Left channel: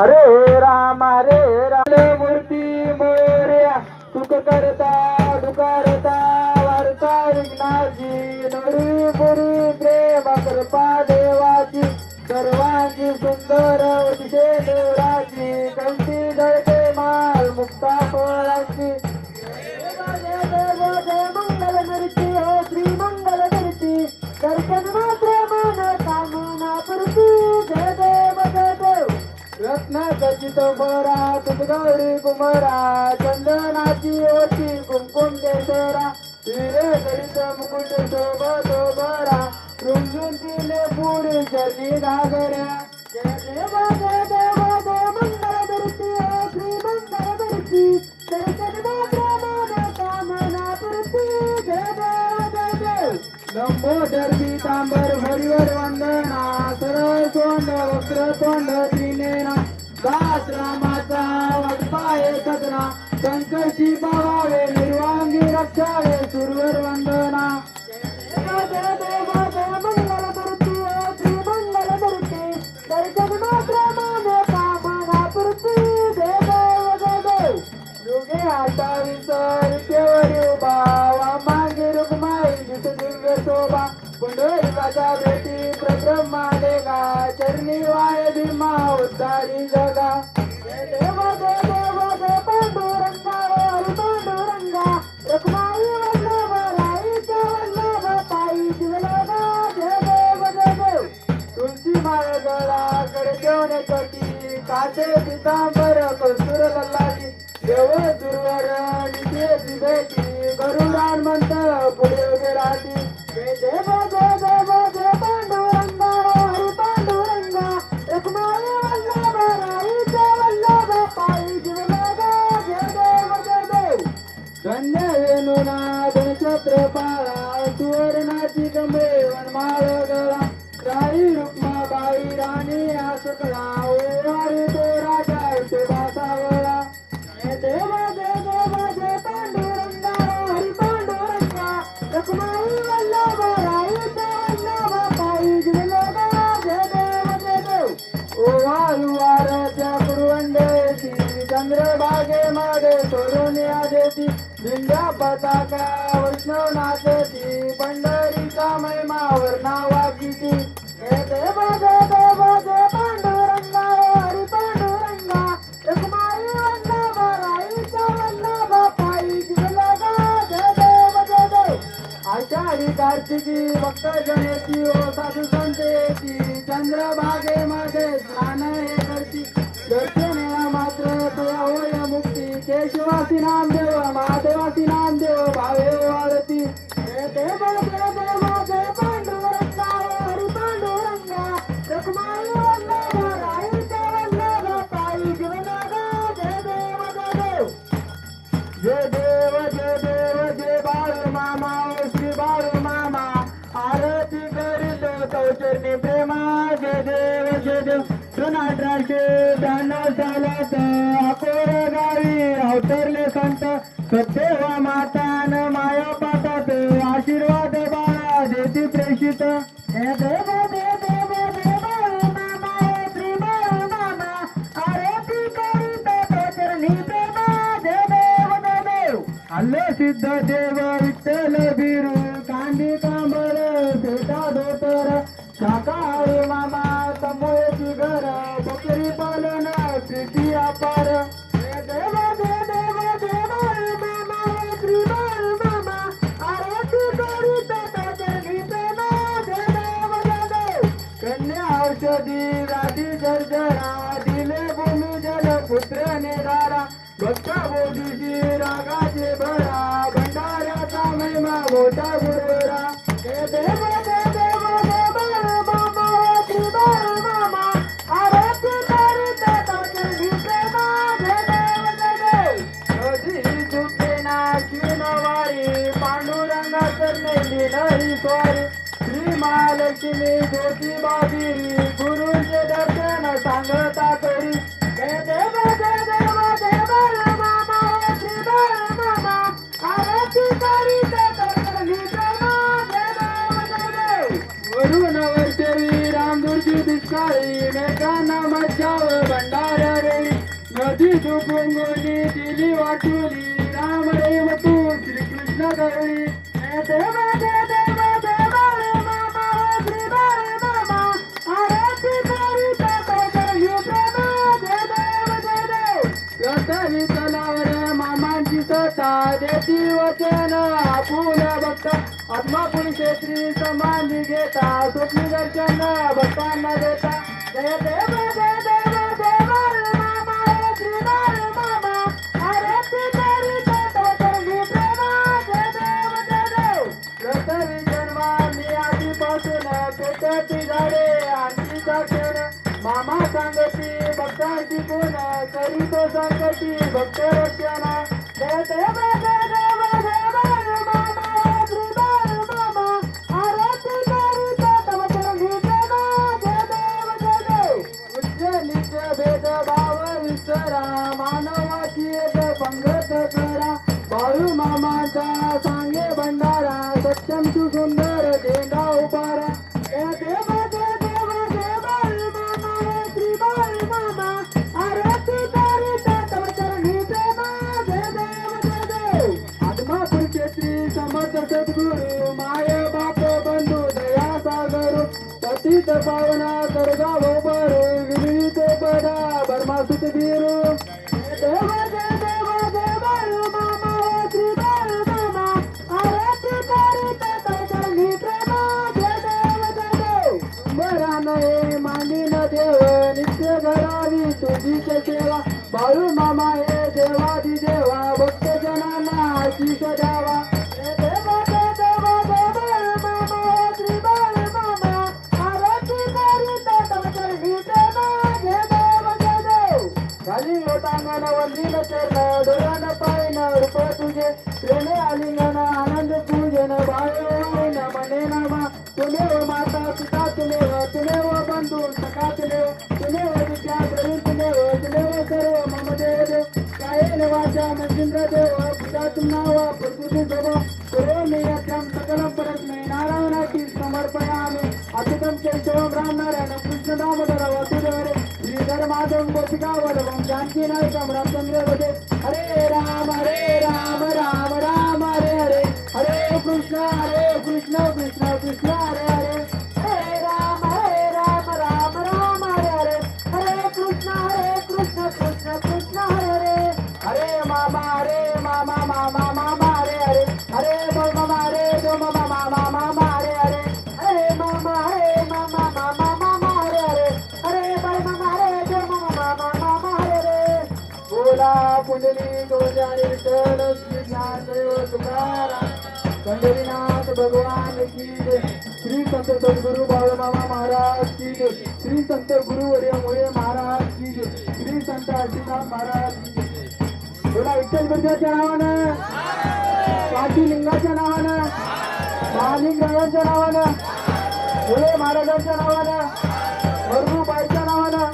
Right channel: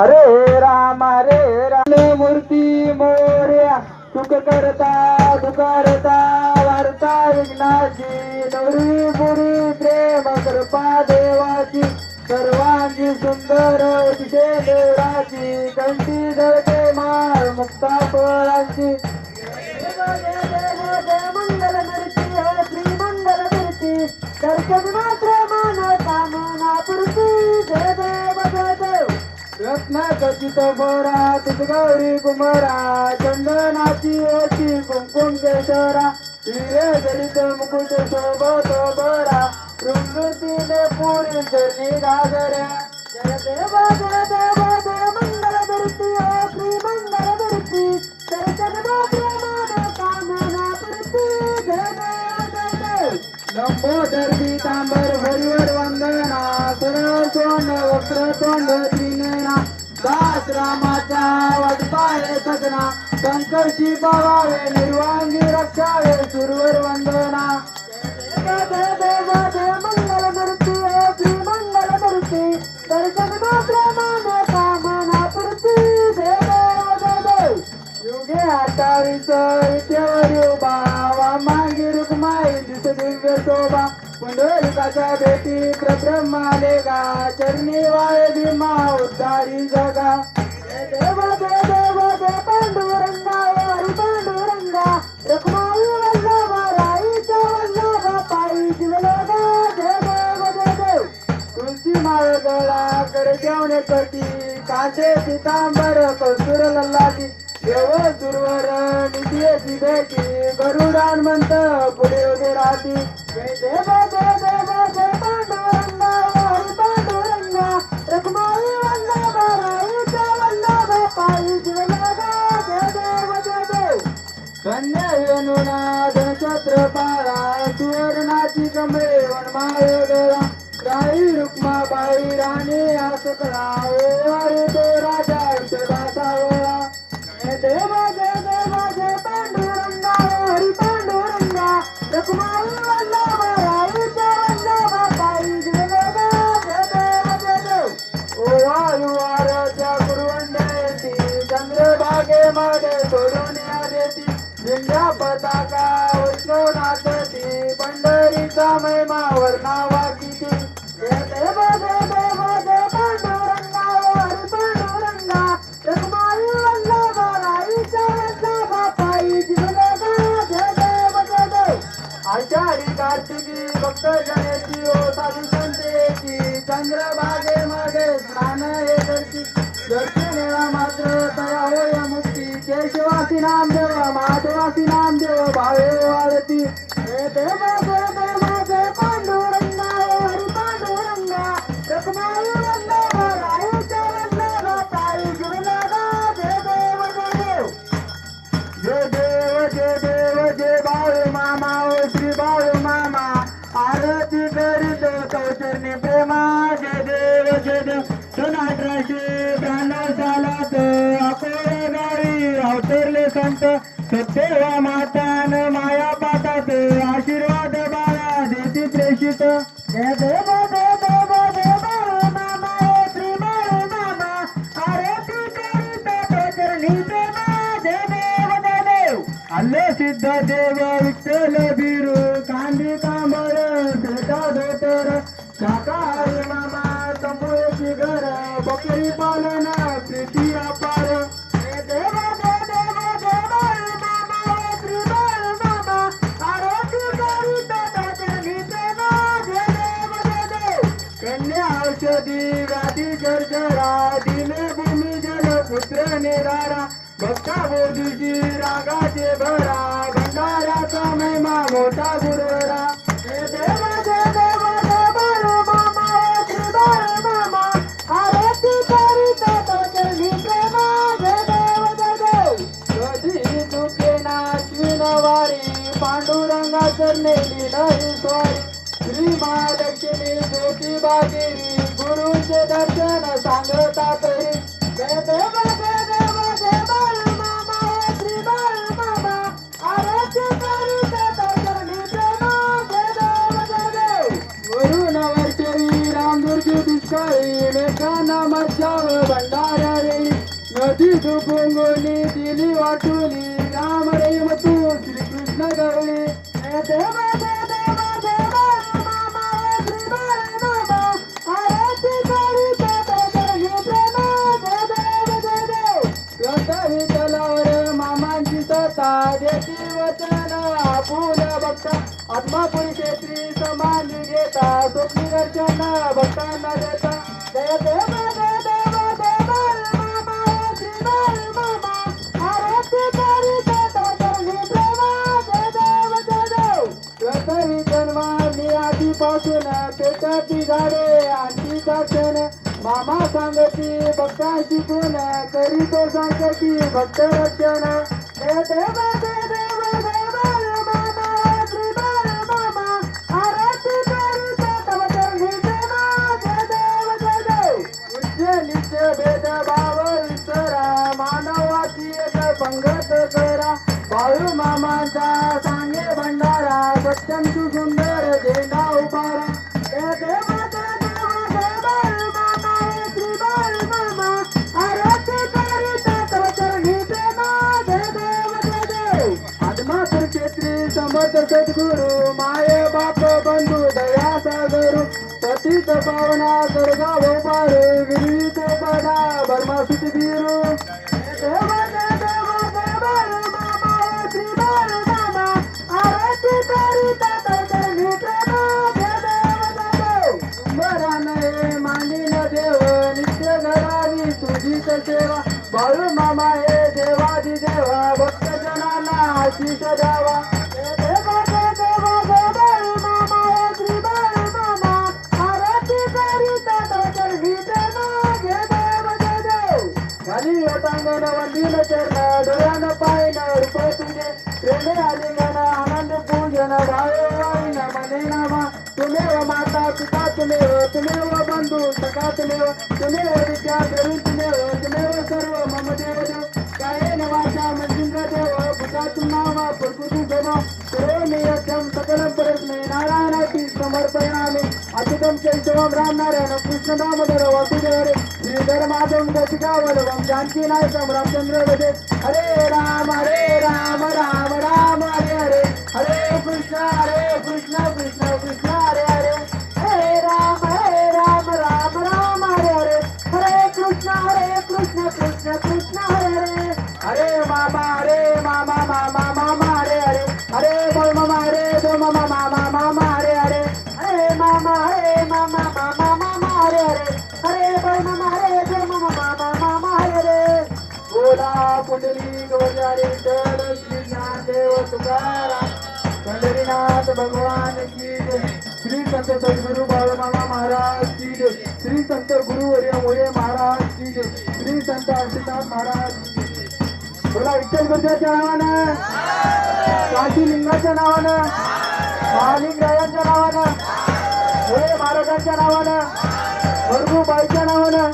हरे राम हरे राम. मूर्ती मोर्या सुख करता दुकारता वार्ता विघ्नाची नवरी पुरी प्रेम कृपा देवाची सर्वांची सुंदर अतिशय देवाची कंठी दळते माळ मुक्ता फळांची रत्नाखचित बोरा तुझगौरी कुमरा चंदनाची ओची कुंकुम केशरा हिरे जडित मुकुट शोभतो बरा रुंदुतीने पुरी चरणी घागऱ्या जय देव जय देव जय मंगल मूर्ती श्री मंगल जय देव जय देव. लंबोदर पीतांबर हरिवर वंदना सरळ सोंड वस्त्र तोंड शंकरची संकर्षी पावावे निर्वांगी रक्षावे सुरवर वंदना. जय देव मंगल मूर्ती श्री मंगल मूर्ती दर्शन मात्र माने कामनापुरती जय देव जय देव योगे अठ्ठावीस विद्येवर उभा वामांगी रुक्माई दिस दिव्य शोभा. पुंडलिकाच्या भेटी प्रब्रह्माले गा चरणी वाय भीमा उद्धारी जगा. देव देव कटी काचे पितांबर कस्तुर लल्लाटी देव दुर्वर निधी भेटी गरुडान म्हणत पुढे उभे राहती देव जय देव जय पांडुरंगा हरी पांडुरंगा रुक्माई वल्लभ राईचा वल्लभ पायी जिवलगा जय जय देव ओ सोडून या देती पताका वैष्णवनाथची पंढरीचा महिमा देव कार्तिकी भक्त जनेची ओ साधू संतेची चंद्रभागे चंद्रभागेमध्ये स्नान हे करती दर्शनेला मात्र तया होय मुक्ती. केशवासी नाम नामदेव माधवासी नामदेव भावे वाळती हे देव देव देव अल्ले सिद्ध विठ्ठल बिरू कांदी कांबळ भेटा धोतर शाकाहारी मामा तंबोळीची घर बकरी पालन प्रीती अपार जय देव जय मामा मामा आरती करीत कन्या औषधी जर्जरा दिले भूमी जल पुत्र निरारा भक्ता रागाचे मोठा गुरुवरा. जय देव जय देव जय मामा श्री बाळ मामा आरती करीत प्रेमा जय देव जय देव कधी चुके नाची नवारी पांडुरंग नाही सोरी श्री महालक्ष्मी गुरुचे दर्शन सांगता तरी जय एकाना मज्जाव भंडार रे नदी दुबुंगुली दिली वाटुली. राम रेम तू श्रीकृष्ण धरली देवा देवा देवा मामा श्रीमा मामा आरती घेता. स्वप्न दर्शन भक्त. मामा मामा सांगती भक्ता शिकून करीतो सांगती भक्त रक्षण प्रेमा जय देव जय देव आदमापूर क्षेत्री समर्थ सद्गुरु माय बाप बंधू दया सागरू. पतित पावना तुझीच सेवा बाळू मामा हे देवादी देवा भक्त जनांना आशीष द्यावा. देव खाली वंदील चरण डोळ्यान पायन रूप तुझे. प्रेमे आलिंगन आनंद पूजन भावे वाईन मने नामा तुमेव माता पिता तुम्ही तुम्ही बंधू सखा तुम्ही तुम्ही अच्युतं केशवं राम नारायण कृष्ण दामोदर वासुदेव श्रीधर माधव गोपिका वल्लभं जानकी नायकं रामचंद्र गजे हरे राम हरे राम राम राम. पंढरीनाथ भगवान की जय. श्री संत सद्गुरु बाळू मामा महाराज की जय. श्री संत गुरुवर्य मोरे महाराज की जय. श्री संत आशीर्वाद महाराज की जय. बोला विठ्ठल गुरुच्या नावानं काशी लिंगाच्या नावानं महालिंगरायांच्या नावानं मोरे महाराजांच्या नावानं बाईच्या नावानं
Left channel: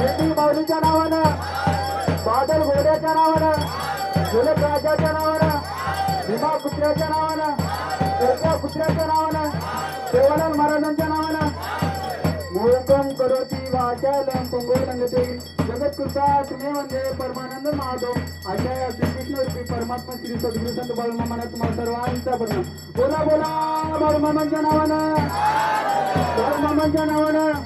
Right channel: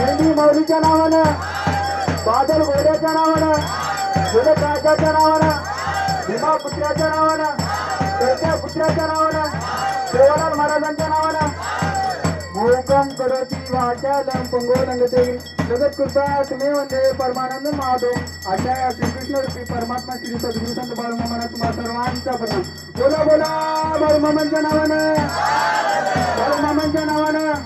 मेंढी माऊलीच्या नावानं बादल घोड्याच्या नावानं सुरत राजाच्या नावानं भीमा पुत्र्याच्या नावानं शेरच्या पुत्र्याच्या नावानं सेवालाल महाराजांच्या नावानं मोकम करोती वाचालम पंगोलंगते जगत कृपा तुम्ही वंदे परमानंद महादेव या श्रीकृष्ण रूपी परमात्मा श्री सद्गुरु संत बाळूमा महाराज तुम्हा सर्वांचा प्रणाम. बोला बोला बाळूमामांच्या नावानं. बाळूमामांच्या नावानं.